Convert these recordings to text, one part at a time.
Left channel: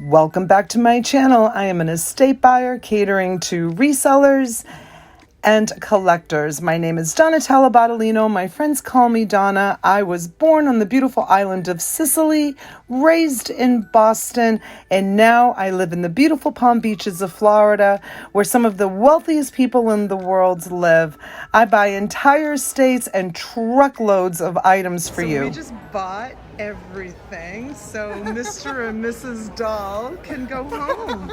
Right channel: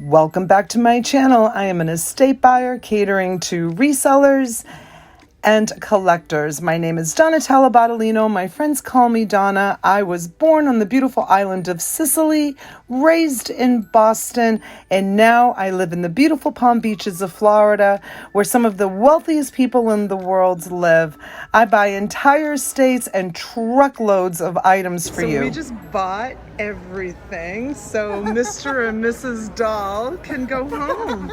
Welcome back to my channel. I am an estate buyer catering to resellers and collectors. My name is Donna. My friends call me Donna. I was born on the beautiful island of Sicily, raised in Boston, and now I live in the beautiful Palm Beaches of Florida, where some of the wealthiest people in the world live. I buy entire states and truckloads of items for you. So we just bought everything, so Mr. and Mrs. Doll can go home.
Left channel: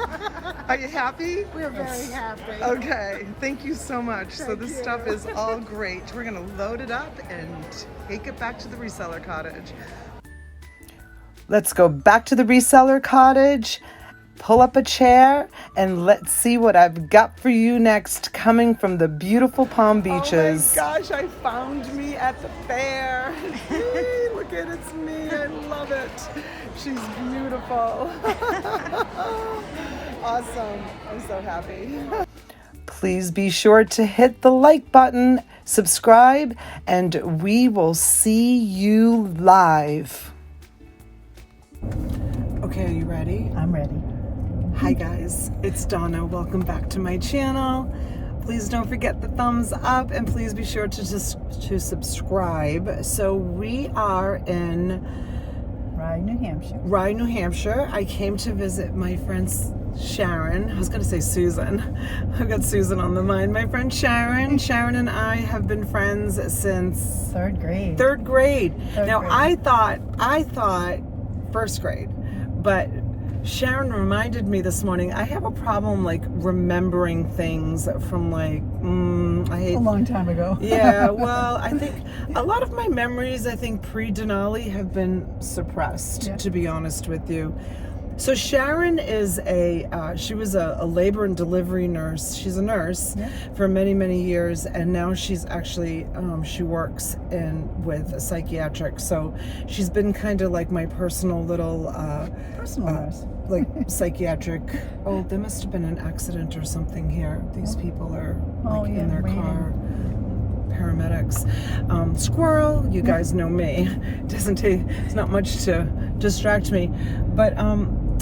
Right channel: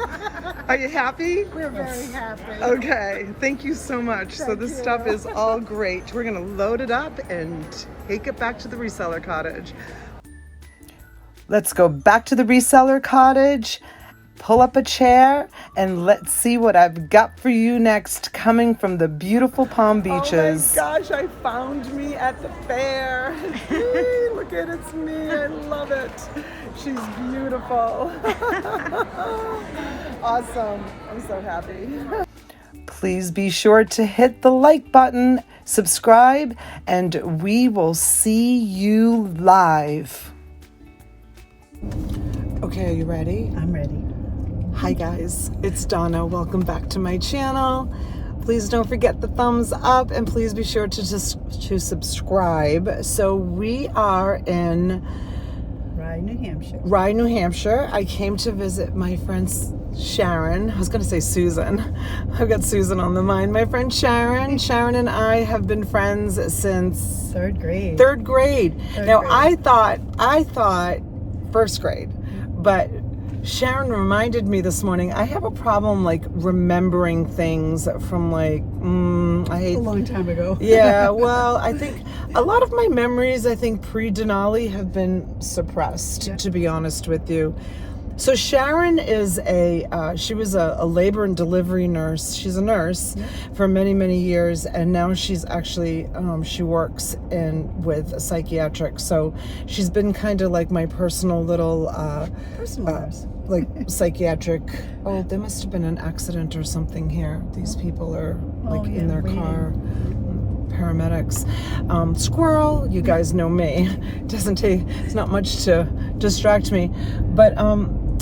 Are you happy? We're very happy. Okay, thank you so much. So this stuff is all great. We're gonna load it up and take it back to the reseller cottage. Let's go back to the reseller cottage, pull up a chair, and let's see what I've got for you next, coming from the beautiful Palm Beaches. Oh my gosh, I found me at the fair. Look at it's me, I love it. She's beautiful. Awesome, I'm so happy. Please be sure to hit the like button, subscribe, and we will see you live. Okay, are you ready? I'm ready. Hi guys, it's Donna. Welcome back to my channel. Please don't forget the thumbs up and please be sure to subscribe. So we are in Rye, New Hampshire. Rye, New Hampshire. I came to visit my friend Sharon. I was going to say Susan. I've got Susan on the mind. My friend Sharon. Sharon and I have been friends since third grade. Now I thought first grade, but Sharon reminded me this morning, I have a problem like remembering things from like, a long time ago. Yeah, well, I think a lot of my memories, I think pre-Denali have been suppressed, to be honest with you. So Sharon is she was a labor and delivery nurse. She's a nurse for many, many years. And now she's actually, she works with a psychiatric. So she's been kind of like my personal little, personal nurse. Like psychiatric. Oh, there must have been an accident or something here. These people are like in their car. Paramedics. Squirrel, you guys know me. Doesn't take, it's not much to distract me. But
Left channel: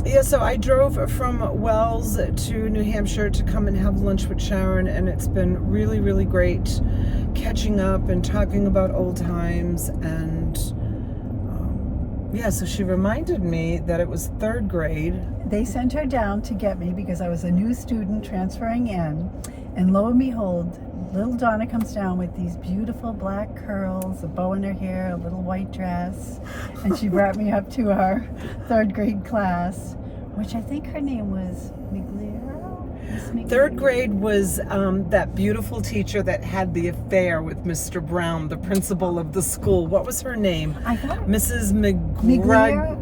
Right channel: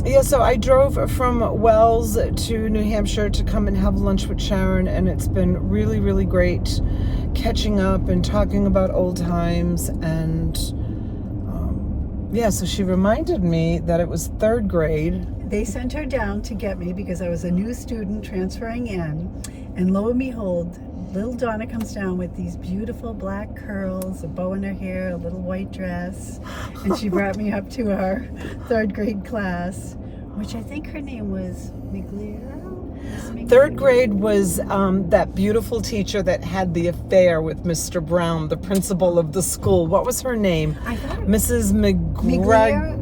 yeah, so I drove from Wells to New Hampshire to come and have lunch with Sharon, and it's been really, really great catching up and talking about old times. And yeah, so she reminded me that it was third grade. They sent her down to get me because I was a new student transferring in, and lo and behold, little Donna comes down with these beautiful black curls, a bow in her hair, a little white dress, and she brought me up to our third grade class, which I think her name was Migliero. Third grade was that beautiful teacher that had the affair with Mr. Brown, the principal of the school. What was her name? I thought Mrs. Migliero.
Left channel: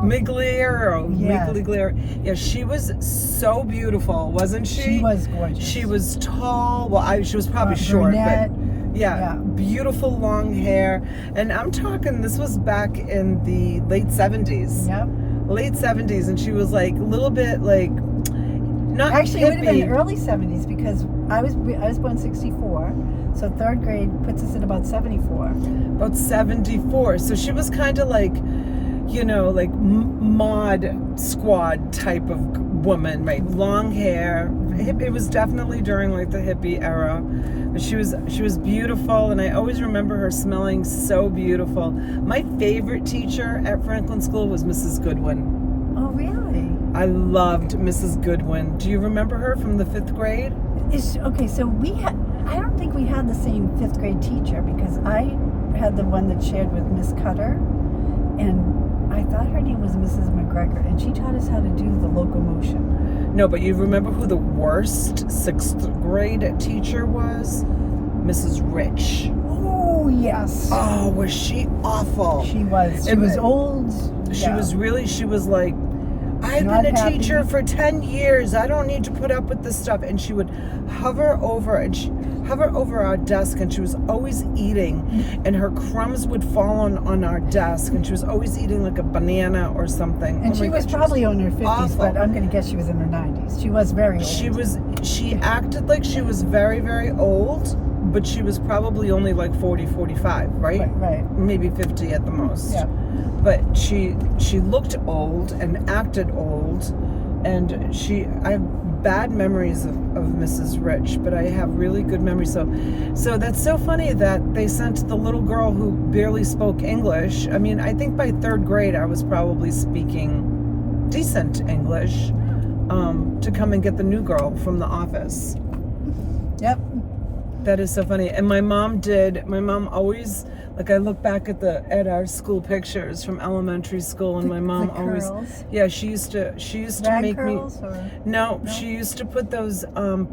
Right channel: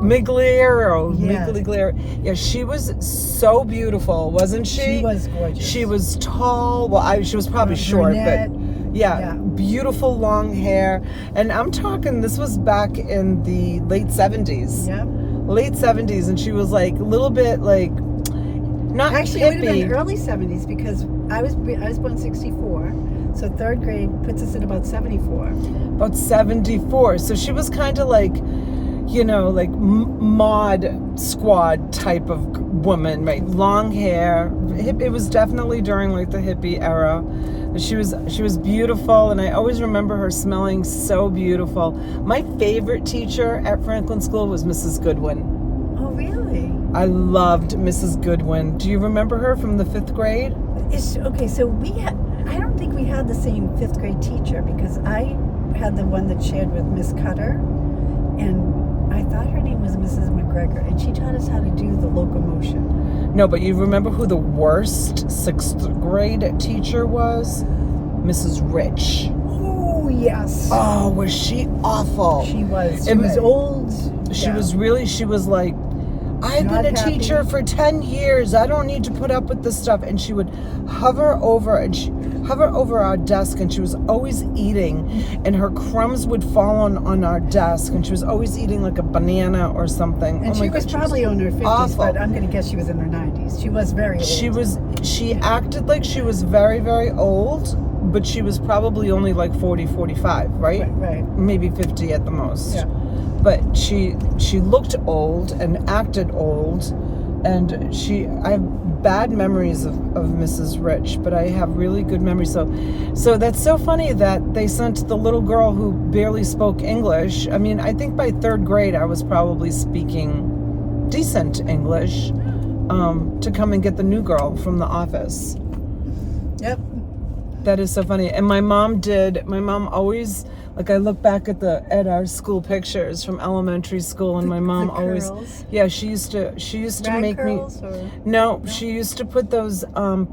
Migliero. Yeah, she was so beautiful, wasn't she? She was gorgeous. She was tall. Well, she was probably short, brunette. but yeah, beautiful long hair. And I'm talking, this was back in the late 70s. Yep. Late 70s, and she was like a little bit like, not actually hippie. It would have been early 70s because I was born 64, so third grade puts us at about 74. About 74. So she was kind of like, you know, like mod squad type of woman, right? Long hair. It was definitely during like the hippie era. But she was beautiful, and I always remember her smelling so beautiful. My favorite teacher at Franklin School was Mrs. Goodwin. Oh, really? I loved Mrs. Goodwin. Do you remember her from the 5th grade? Okay, so I don't think we had the same 5th grade teacher because I had the one that shared with Miss Cutter, and I thought her name was Mrs. McGregor, and she taught us how to do the locomotion. No, but you remember who the worst 6th grade teacher was? Mrs. Rich. Oh, yes. Oh, was she awful? She was. She was old. She was like, I've been a teacher for 10 years. I don't need to put up with this stuff. And she would hover over our desk, and she was always eating, and her crumbs would fall on our desk, and she was always eating like a banana or something. And she was probably on her 50s, awful. but I'm going to guess she was in her 90s. She was very old. She acted like she was very, very old, but she was probably only like 40, 45, right? Right. Maybe 50 at the most. Yeah. But she looked old and acted old, and I have bad memories of Mrs. Rich, but I have really good memories. So that's so funny that they sent the little girl who barely spoke English. I mean, I think by 3rd grade I was probably speaking decent English, to come and get the new girl from the office. Yep. That is so funny. And my mom always, like, I look back at our school pictures from elementary school, and my mom always, yeah, she used to Rag make curls, me, or? no, she used to put those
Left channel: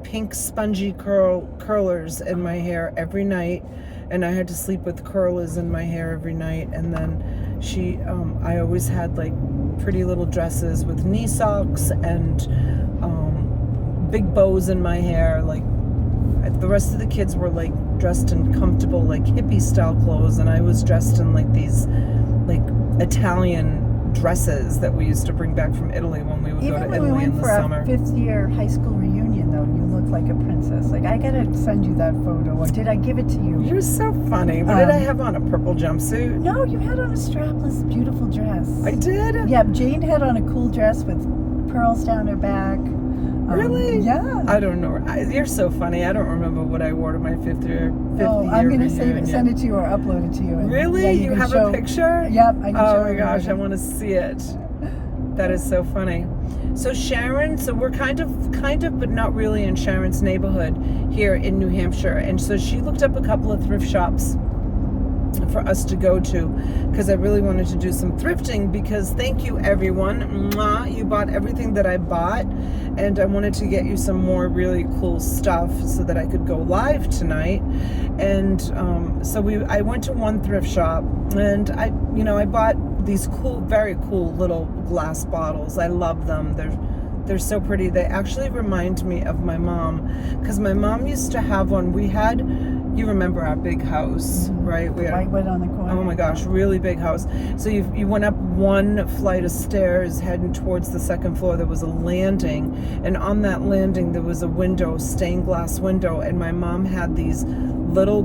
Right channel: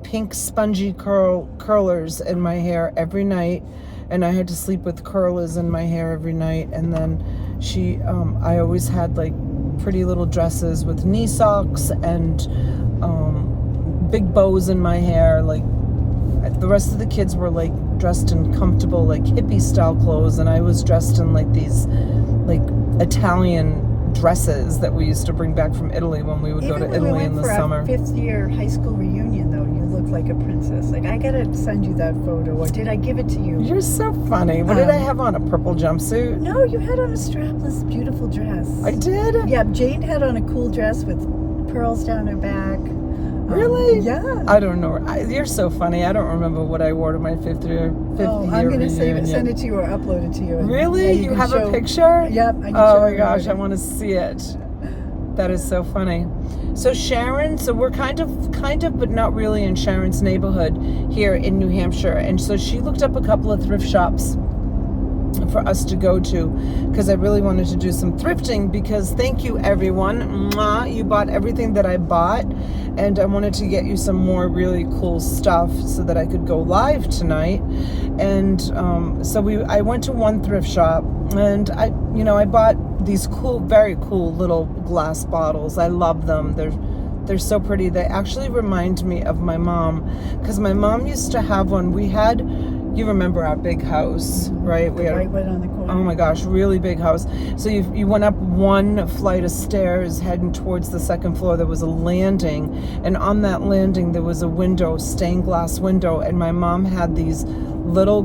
pink spongy curlers in my hair every night, and I had to sleep with curlers in my hair every night. And then I always had like pretty little dresses with knee socks and big bows in my hair. Like, the rest of the kids were like dressed in comfortable, like hippie style clothes, and I was dressed in like these like Italian dresses that we used to bring back from Italy when we would go to Italy in the summer. Even when we went for our 5th year high school reunion, though, you looked like a princess. Like, I gotta send you that photo, or did I give it to you? You're so funny. What did I have on? A purple jumpsuit? No, you had on a strapless, beautiful dress. I did? Yeah, Jane had on a cool dress with pearls down her back. Really? Yeah. I don't know. You're so funny. I don't remember what I wore to my 5th year I'm going to reunion. send it to you or upload it to you. Really? Yeah, you have a picture? Yep, I can show Oh my you. gosh, I want to see it. That is so funny. So Sharon, so we're kind of, but not really in Sharon's neighborhood here in New Hampshire. And so she looked up a couple of thrift shops for us to go to, because I really wanted to do some thrifting, because thank you everyone. Mwah, you bought everything that I bought, and I wanted to get you some more really cool stuff so that I could go live tonight. And I went to one thrift shop, and I bought these cool, very cool little glass bottles. I love them. They're so pretty. They actually remind me of my mom, because my mom used to have one. You remember our big house, right? The white one on the corner. Oh my gosh, really big house. So you went up one flight of stairs heading towards the 2nd floor. There was a landing, and on that landing there was a window, stained glass window, and my mom had these little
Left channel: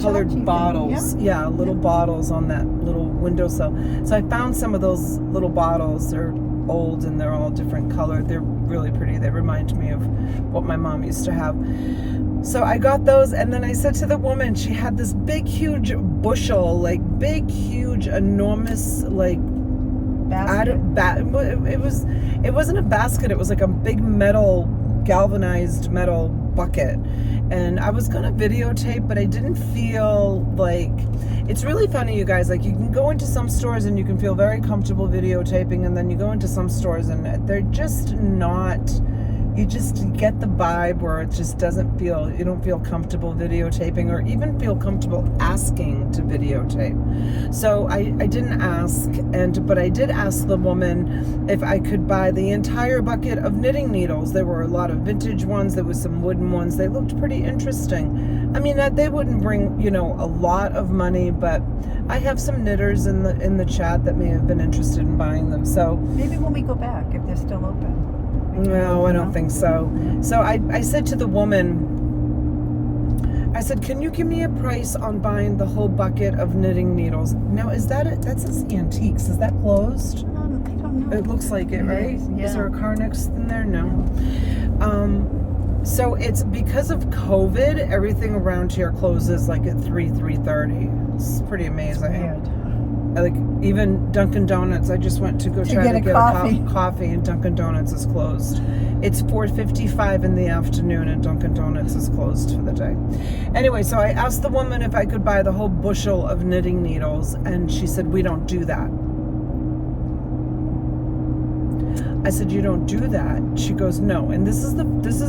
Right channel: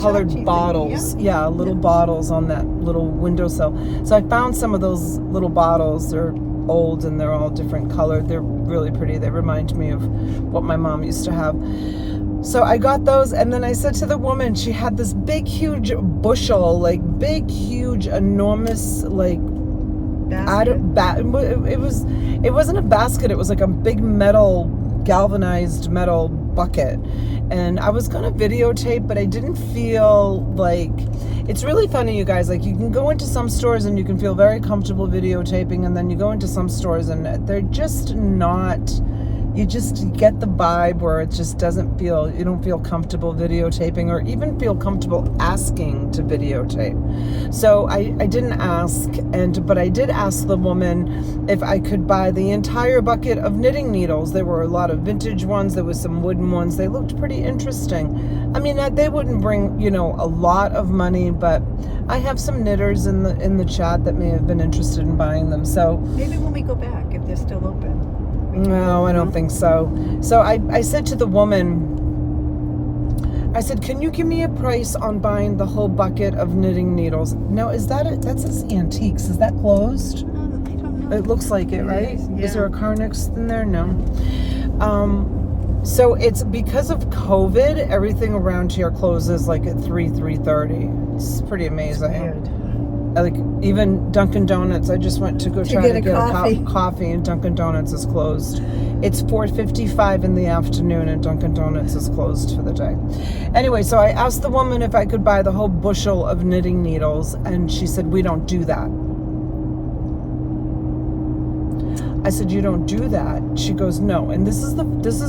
colored bottles. Yeah, little bottles on that little windowsill. So I found some of those little bottles. They're old and they're all different colored. They're really pretty. They remind me of what my mom used to have. So I got those, and then I said to the woman, she had this big, huge bushel, like big, huge, enormous, like basket. It wasn't a basket. It was like a big galvanized metal bucket. And I was gonna videotape, but I didn't feel like, it's really funny, you guys. Like, you can go into some stores and you can feel very comfortable videotaping, and then you go into some stores and they're just not. You just get the vibe where it just you don't feel comfortable videotaping, or even feel comfortable asking to videotape. So I didn't ask, but I did ask the woman if I could buy the entire bucket of knitting needles. There were a lot of vintage ones. There was some wooden ones. They looked pretty interesting. I mean, they wouldn't bring, a lot of money, but I have some knitters in the chat that may have been interested in buying them. So maybe when we go back, if they're still open. No, I don't think so. So I said to the woman, I said, can you give me a price on buying the whole bucket of knitting needles? Now, that says antiques. Is that closed? I don't know. It looks like it, right? Yeah. Is there a car next in there? No. So it's because of COVID, everything around here closes like at 3:30. It's pretty amazing. Weird. Like, even Dunkin' Donuts, I just went to try to get a coffee, and Dunkin' Donuts is closed. It's 4:55 in the afternoon, and Dunkin' Donuts is closed for the day. Anyway, so I asked the woman if I could buy the whole bushel of knitting needles, and she said, we don't do that. I said, you don't do that? She goes, no. And this is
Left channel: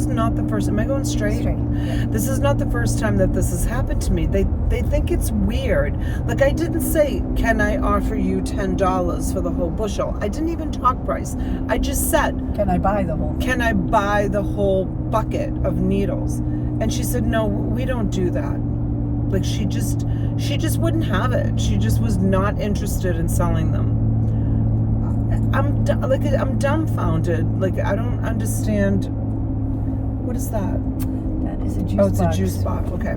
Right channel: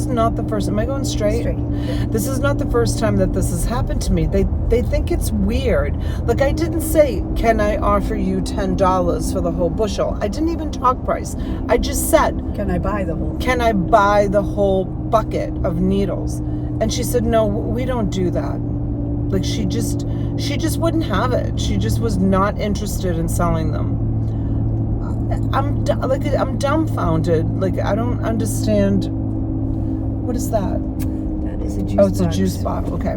not the first. Am I going straight? Straight. Yeah. This is not the first time that this has happened to me. They think it's weird. Like, I didn't say, can I offer you $10 for the whole bushel? I didn't even talk price. I just said, can I buy the whole bucket of needles? And she said, no, we don't do that. Like, she just wouldn't have it. She just was not interested in selling them. I'm dumbfounded. Like, I don't understand. What is that? That is It's a juice Oh, it's box. a juice box. Okay. I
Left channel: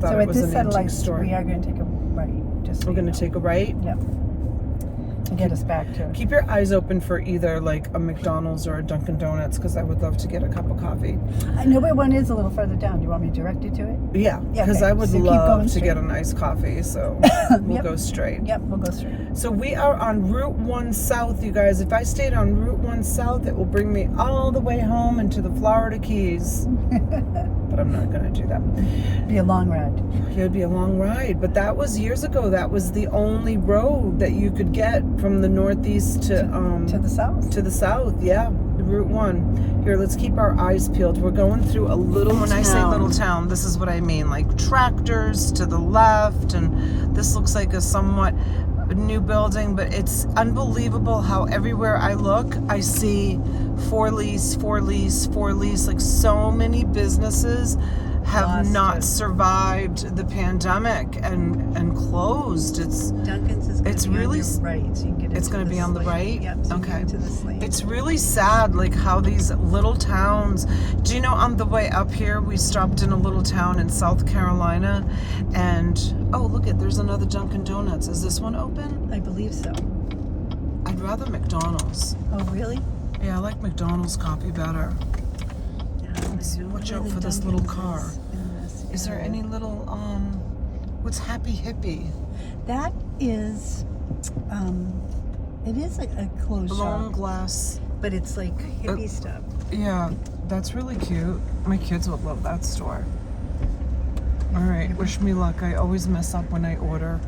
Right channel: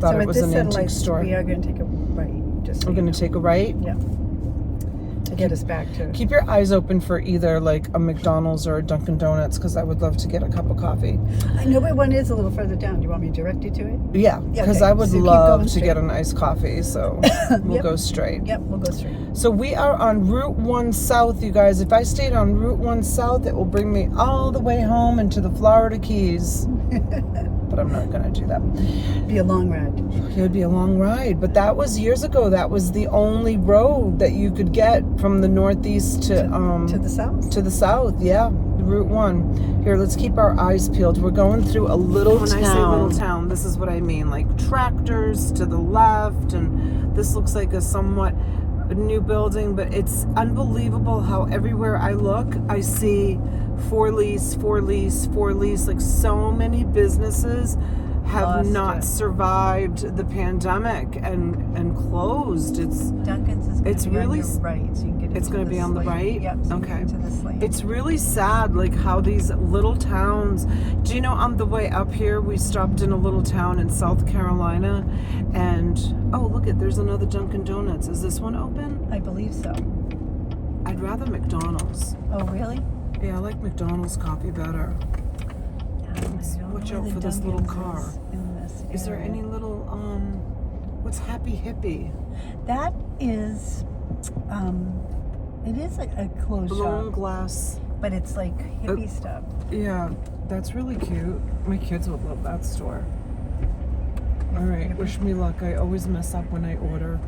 thought So it at was this an set of antique lights, store. we are going to take a right. Just so We're you going know. to take a right. Yep. To get us back to. Keep your eyes open for either like a McDonald's or a Dunkin' Donuts because I would love to get a cup of coffee. I know where one is a little further down. Do you want me to direct you to it? Yeah, because okay. I would So keep love going to straight. get a nice coffee. So we'll Yep. go straight. Yep, we'll go straight. So we are on Route 1 South, you guys. If I stayed on Route 1 South, it will bring me all the way home into the Florida Keys. But I'm not going to do that. Be a long ride. It would be a long ride. But that was years ago. That was the only road that you could get from the northeast To the south. to the south. Yeah, Route 1. Here, let's keep our eyes peeled. We're going through a little town. When I say little town, this is what I mean. Like tractors to the left. And this looks like a somewhat new building. But it's unbelievable how everywhere I look, I see for lease, for lease, for lease. Like so many businesses have Lost not it. survived the pandemic and closed. Duncan's is going It's to be really on your right, so you can get it's into going to the be on the slate. right? Yep, so you Okay. get into this lane. It's really sad, like how these little towns. Do you know on the way up here we stopped in a little town in South Carolina, and oh look it, there's another Dunkin' Donuts. Is this one open? I believe so. I'd rather McDonald's. Oh, really? Yeah, I like McDonald's coffee better. Let's watch out for this little car. Is there any little what's Happy Hippie? That is, it is a clothes Blown shop, glass. but it's like hippie stuff. Yeah, that's really cute. My kids would love that store. All right, wish me luck. I always mess up when I order.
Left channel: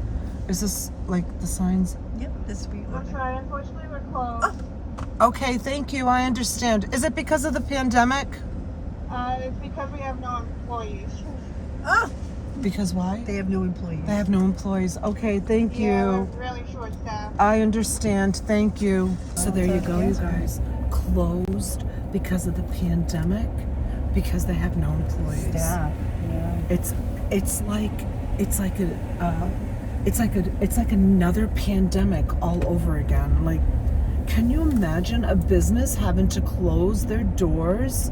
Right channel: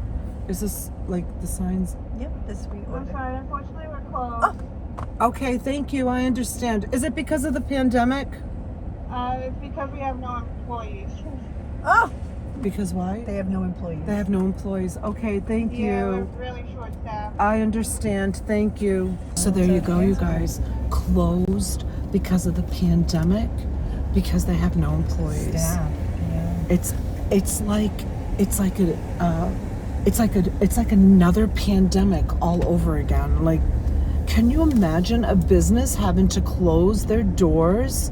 Is this like the signs? Yep, this we I'm ordered. sorry, unfortunately we're closed. Okay, thank you. I understand. Is it because of the pandemic? It's because we have no employees. Oh, Because why? they have no employees. They have no employees. Okay, thank Yeah, we're you. really short staffed. I understand. Thank you. So there you go, you guys. Closed because of the pandemic, because they have no employees. Staff, yeah. It's like another pandemic all over again. Like, can you imagine a business having to close their doors?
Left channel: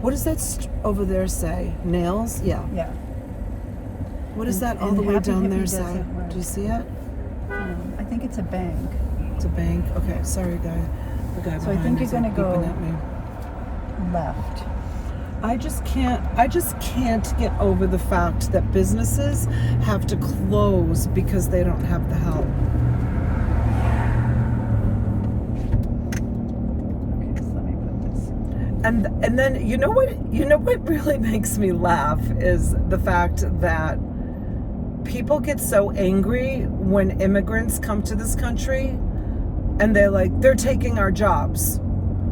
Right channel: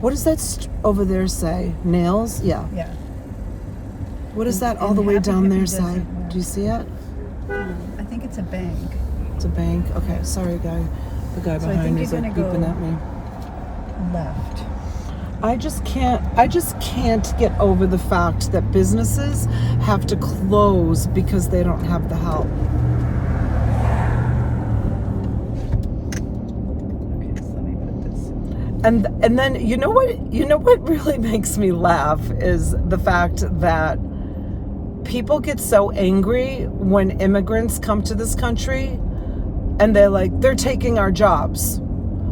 What does that over there say? Nails? Yeah. Yeah. What is that all And the way Happy down Hippie their doesn't side? work. Do you see it? I think it's a bank. It's a bank. Okay, sorry, guy. The guy So I behind think me is you're like gonna beeping go- at me. Left. I just can't get over the fact that businesses have to close because they don't have the help. Okay, so let me put this. And then you know what really makes me laugh is the fact that people get so angry when immigrants come to this country and they're taking our jobs.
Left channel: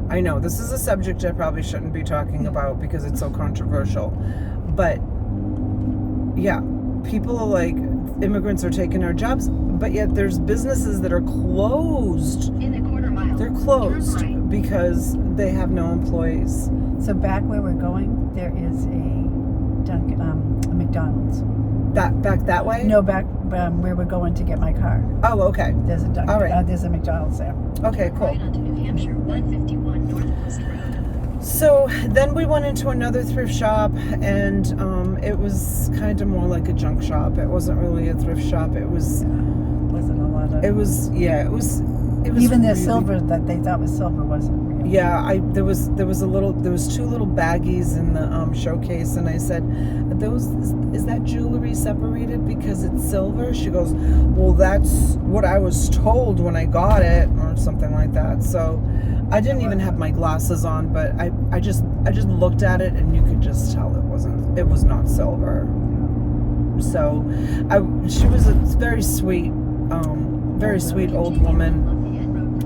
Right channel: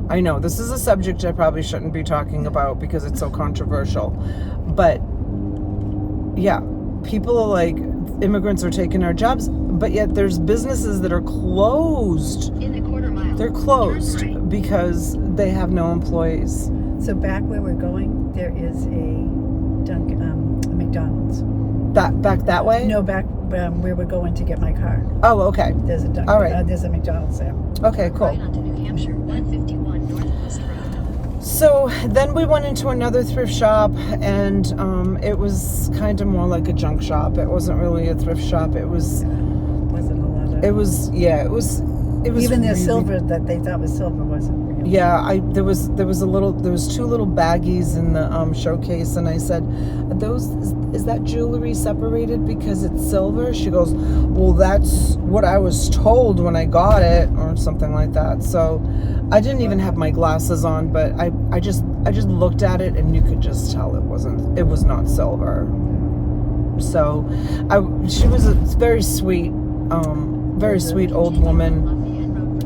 I know this is a subject I probably shouldn't be talking about because it's so controversial, but yeah, people are like, immigrants are taking our jobs, but yet there's businesses that are closed. In a quarter mile. They're closed Turn right. because they have no employees. So back where we're going, there is a McDonald's. Back that way? No, back where we're going to get my car. Oh, okay. There's a All right. there's a McDonald's there. Okay, cool. Right onto New Hampshire 151 Northwest Road. So then we went into another thrift shop, and it was kind of more like a junk shop. It wasn't really a thrift shop. It was. Wasn't a lot of. It was. Yeah. It was. It was Even their really- silver that they thought was silver wasn't real. Yeah, there was two little baggies in the showcase, and I said, is that jewelry separated because it's silver? She goes, well, that's what I was told when I got it, or something like that. So I didn't even have my glasses on, but I just looked at it, and you could just tell it was not silver. So she was a very sweet old woman.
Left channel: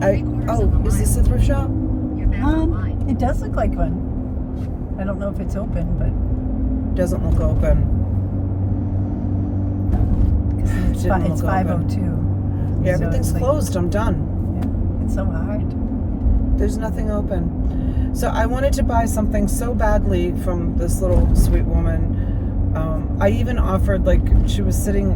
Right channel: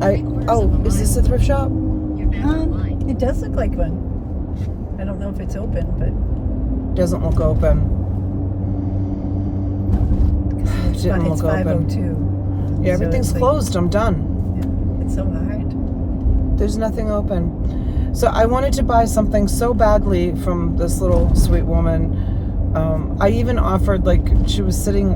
Is this a thrift shop? You're back online. It does look like one. I don't know if it's open, but Doesn't look open. it's, Didn't it's look open. 5:02. Yeah, So everything's it's like- closed. I'm done. Yeah, it's so hard. There's nothing open. So I wanted to buy something so badly from this little sweet woman. I even offered, like, she was sitting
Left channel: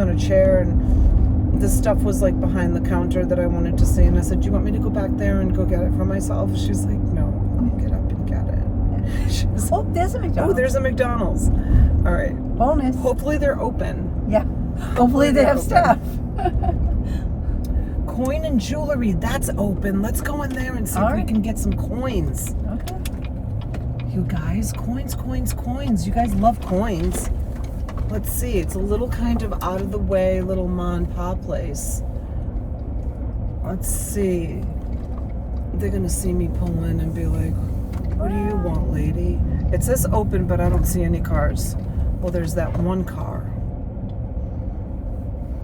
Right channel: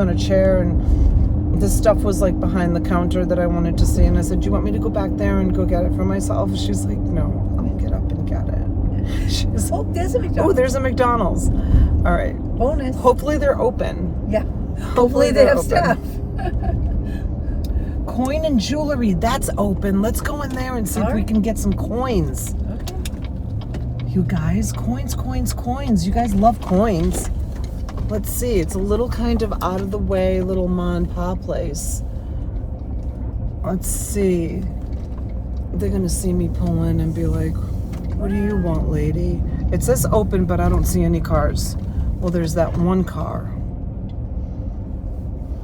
on a chair, and the stuff was like behind the counter that I wanted to see, and I said, do you want me to go back there and go get it for myself? She's like, no, I'll get up and get it. She's, Oh, there's a oh, McDonald's. there's a McDonald's. All right. Bonus. Hopefully they're open. Yeah. Hopefully they they're have open. staff. Coin and jewelry, that's open. Let's go in there and see All if we right. can get some coins. Okay. You guys, coins, coins, coins. You guys love coins. Let's see. It's a little kind of out of the way little mom and pop place. Let's see. They're gonna see me pull in and be like, what do you want, lady? It says open, but I don't see any cars. Well, there's that one car.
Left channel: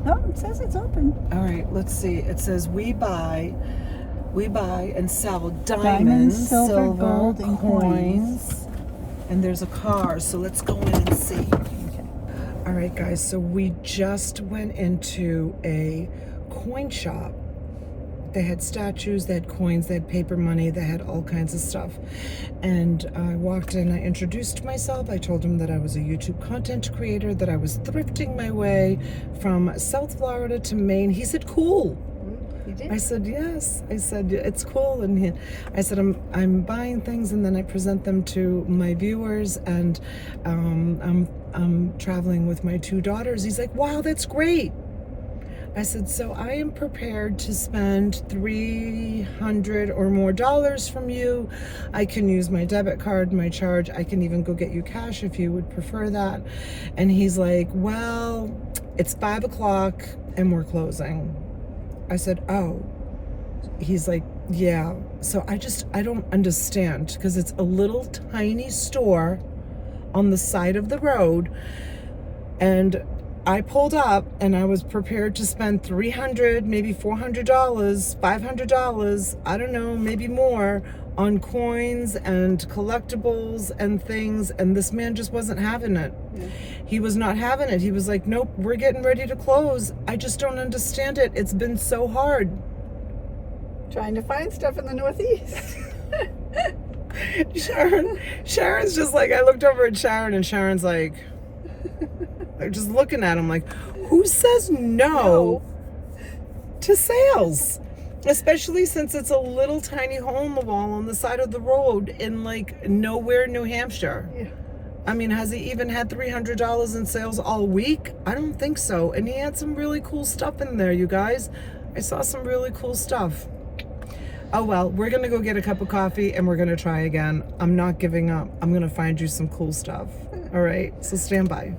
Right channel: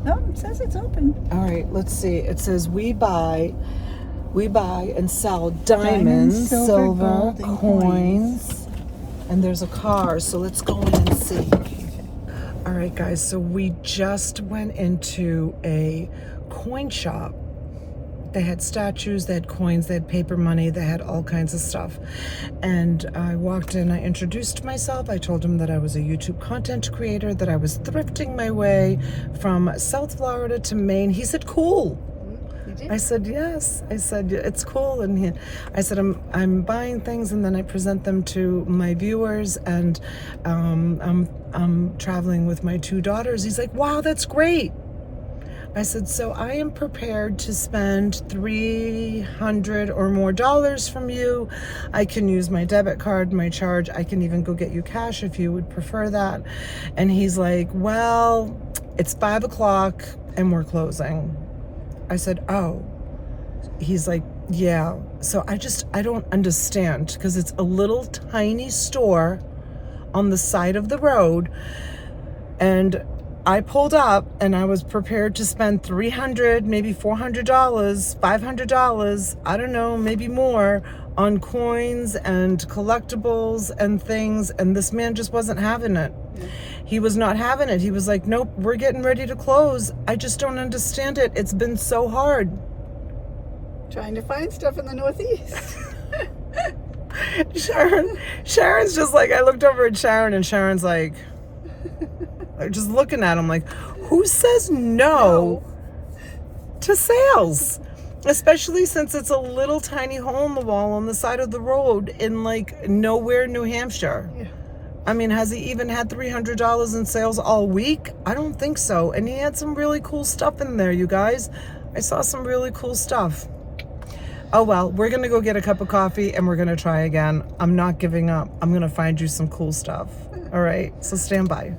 No, it says it's open. All right, let's see. It says we buy and sell diamonds, silver, gold, and coins. And there's a car, so let's go in and see. All right, guys, so we just went into a coin shop. They had statues, they had coins, they had paper money, they had all kinds of stuff. And I walked in, I introduced myself. I told him that I was a YouTube content creator, that I was thrifting my way from South Florida to Maine. He said, cool. You did? I said, yes. I said, it's cool. And I said, I'm buying things and then I present them to my viewers, and I'm traveling with my 2 daughters. He's like, wow, that's great. I said, so I am prepared to spend $300 or more from you. I can use my debit card, my charge. I can even go get you cash if you would prefer that. And he's like, well, it's 5 o'clock and we're closing. I said, oh. He's like, yeah. So I don't understand, because it's a little tiny store on the side of the road. And I pulled up and I was prepared to spend $300, maybe $400, $500, I don't know, maybe more, on coins and collectibles and things. And this man just wasn't having it. Yeah. He was not having it. He was like, nope, we're getting ready to close. I just don't understand it. It's been so hard. Trying to find stuff in the Northeast. Sharon's just like, I looked over at Sharon and Sharon's like just looking at him like, who says no to sales? Especially since it's a little tiny hole in the wall on the side of the road in like nowhere, New Hampshire. Yeah. I mean, has he even had $300 in sales all week? I don't think so. And he had some really cool stuff in there, you guys. I saw some really cool stuff. Oh well, we're gonna go get a cup of coffee and we're gonna try again. I'm not giving up. I'm gonna find you some cool stuff. All right, so stand by.